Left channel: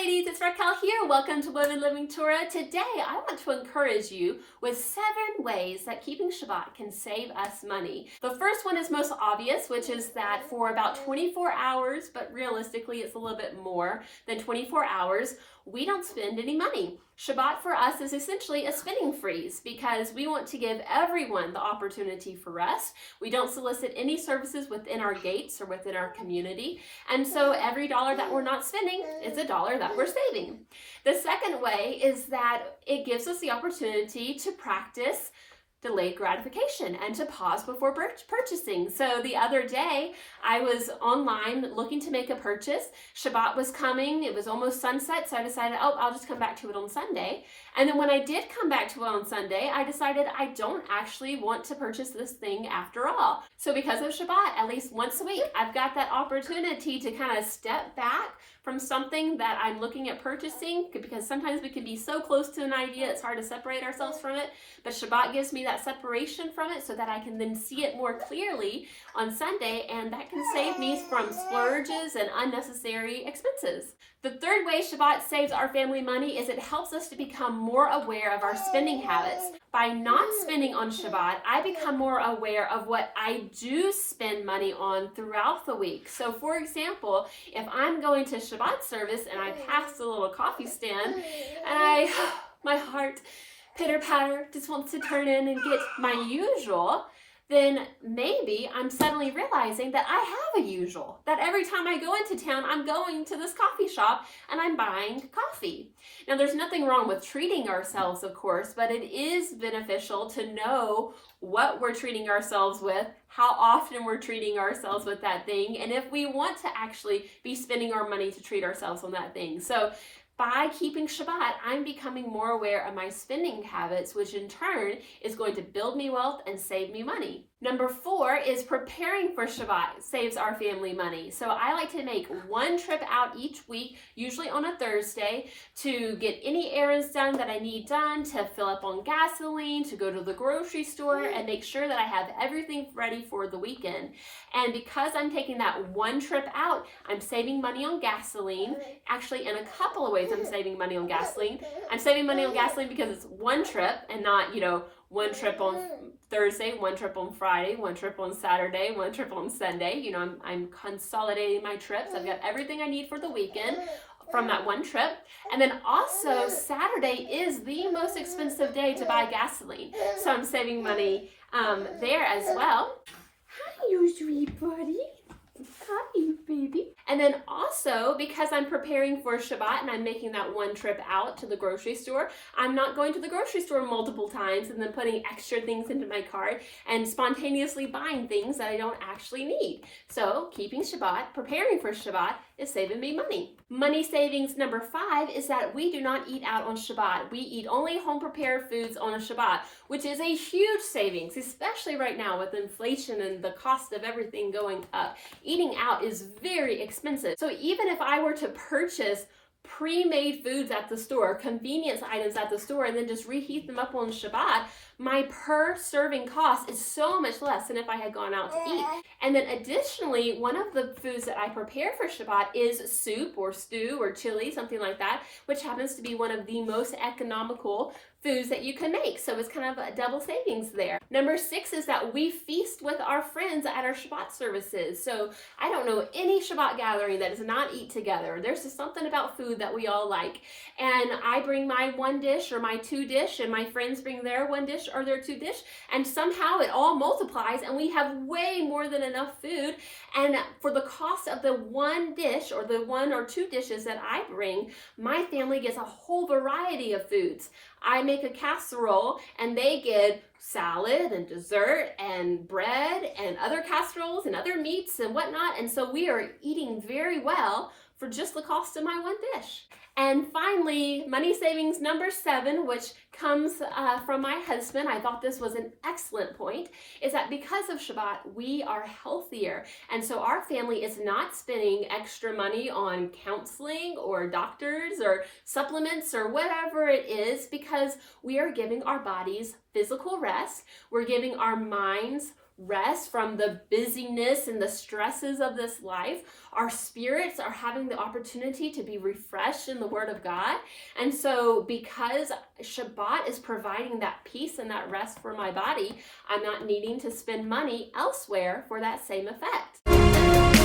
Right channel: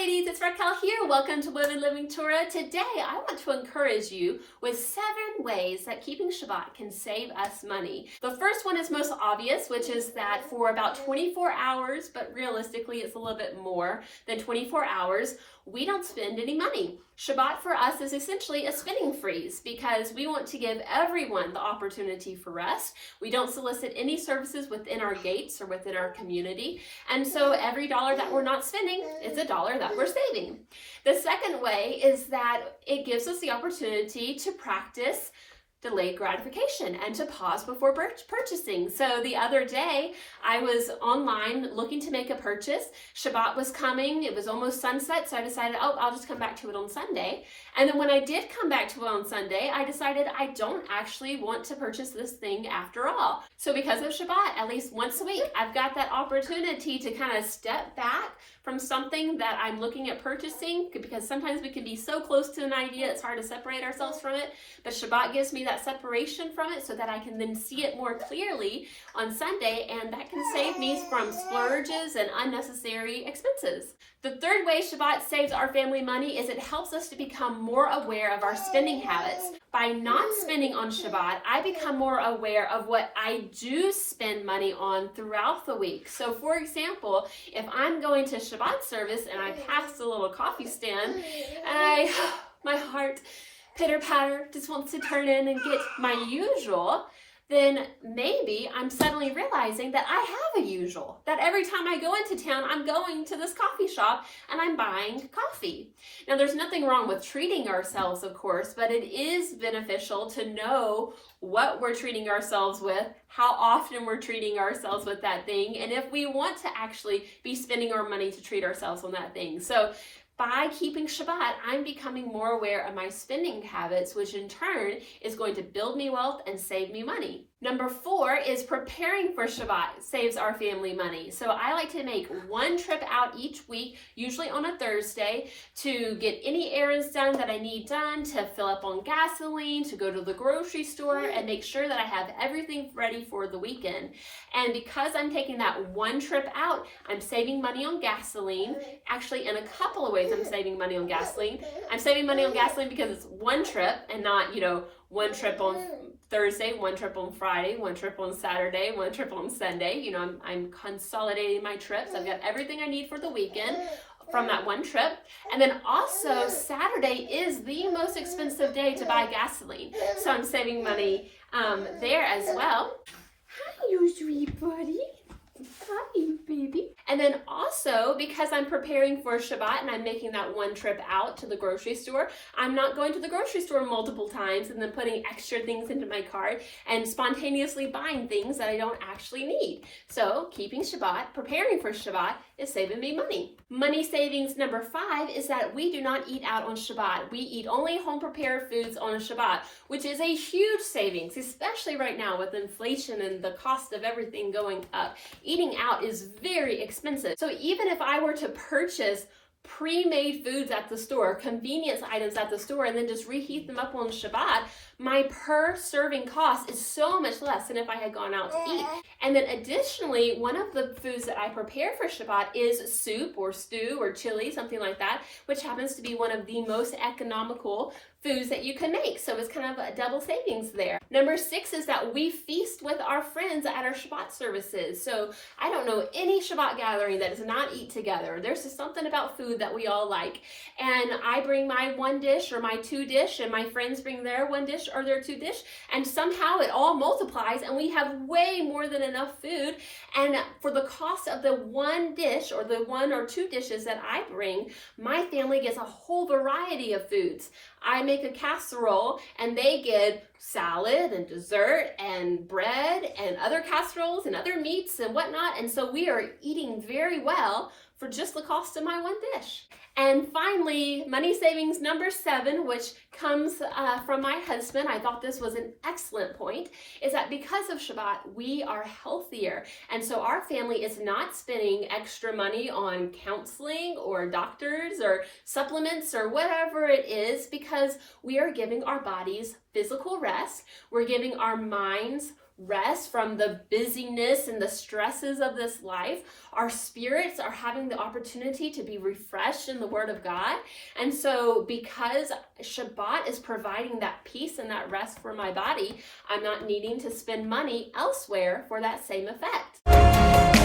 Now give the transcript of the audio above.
ladies, it's Raquel here. Welcome to Women Living Torah. Today, I want to encourage you with 7 ways that keeping Shabbat can save us money. The first one is most obvious, which is that for about 24 hours, but realistically it's a little bit more than 24 hours, we don't spend any money. Shabbat for us is essentially a spending freeze because we want to give everyone the opportunity for rest. We don't solicit any services within our gates or within our community. And so every dollar that we're not spending is a dollar that we're saving. The second way is that it gives us the opportunity to practice delayed gratification and to pause before purchasing. So the other day I was online looking to make a purchase. Shabbat was coming. It was almost sunset, so I decided, I'll just come back to it on Sunday. And then when I did come back to it on Sunday, I decided I don't actually want to purchase this thing after all. So because of Shabbat, at least once a week, I've got that opportunity to kind of step back from something that I'm looking at purchasing, because sometimes we can be so close to an idea, it's hard to separate ourselves from it. But Shabbat gives me that separation from it so that I can then see it more clearly on Sunday, and that can save me from splurges and unnecessary expenses. The third way Shabbat saves our family money is it helps us to become more aware of our spending habits. By not spending on Shabbat, I become more aware of what I do spend money on throughout the week. So for example, if I'm going to Shabbat service and I pass the little coffee stand and my heart pitter-patter just wants to turn in and get my usual, then maybe I'm suddenly realizing that I have a usual. That every time I go into town, I'm going to this coffee shop and I'm buying coffee. Now, there's nothing wrong with treating ourselves, of course, but it is beneficial to know what we're treating ourselves with, how often we're treating ourselves with that thing, and if we want to actually be spending our money to treat ourselves on that thing. So by keeping Shabbat, I'm becoming more aware of my spending habits, which in turn is going to build me wealth and save me money. Number 4 is preparing for Shabbat saves our family money. So I like to make one trip out each week, usually on a Thursday, to get any errands done that I need done, to fill up on gasoline, to go to the grocery store, and make sure that I have everything ready for the weekend. And because I'm taking that one trip out, I'm saving money on gasoline. Actually, in a couple of ways, I'm saving money on gasoline. I'm saving money on gasoline because it's one trip and not, one trip on Thursday, one trip on Friday, one trip on Saturday, one trip on Sunday. I'm consolidating my trips. I've got everything I need for the weekend from that one trip. And then also Saturday is the most expensive day to buy gasoline. So I'm saving money there as well. Hi, you sweet buddy. Hi, baby. And then also, because I'm preparing for Shabbat and I'm making that one trip out to the grocery store, I'm not going to the grocery store multiple times and then putting extra things into my cart and spontaneously buying things that I don't actually need. So keeping Shabbat, preparing for Shabbat, is saving me money. Money savings number 5 is that we do not eat out on Shabbat. We eat only home-prepared foods on Shabbat, which is a huge savings, especially right now with inflation and the cost of everything going up. Eating out is very expensive. So even if I were to purchase pre-made foods at the store, convenience items at the store, and then just reheat them up on Shabbat, my per serving cost is so much less than if I had gone out to eat. And then additionally, one of the foods that I prepare for Shabbat is soup or stew or chili, something like that, which happens to be one of the most economical foods that you can make. So it's kind of a double savings there. Number 6 is that we feast with our friends at our Shabbat services. So I don't know any Shabbat gathering that does not eat together. There's just something about food that we all like. And I bring my one dish or my 2 dish, and my friends bring their 1 dish or their 2 dish, and somehow it all multiplies and we have way more than enough food. And for the cost of the 1 dish or the 1 or 2 dishes that I bring, my family gets a whole variety of foods. I make a casserole and they get salad and dessert and bread and other casseroles and other meats and whatnot. And so we are eating very well for just the cost of my 1 dish. And finally, money savings number 7, which comes from my husband, I thought this was an excellent point, is that because of Shabbat, we are healthier. And so our family is not spending extra money on counseling or doctors or supplements or whatever it is, because we are giving our bodies physical rest. We're giving our minds rest from the busyness and the stresses of this life, our spirits are having the opportunity to be refreshed in the Word of God. And so because Shabbat is providing that peace and that rest for my body, I'm not needing to spend money elsewhere for that same effect.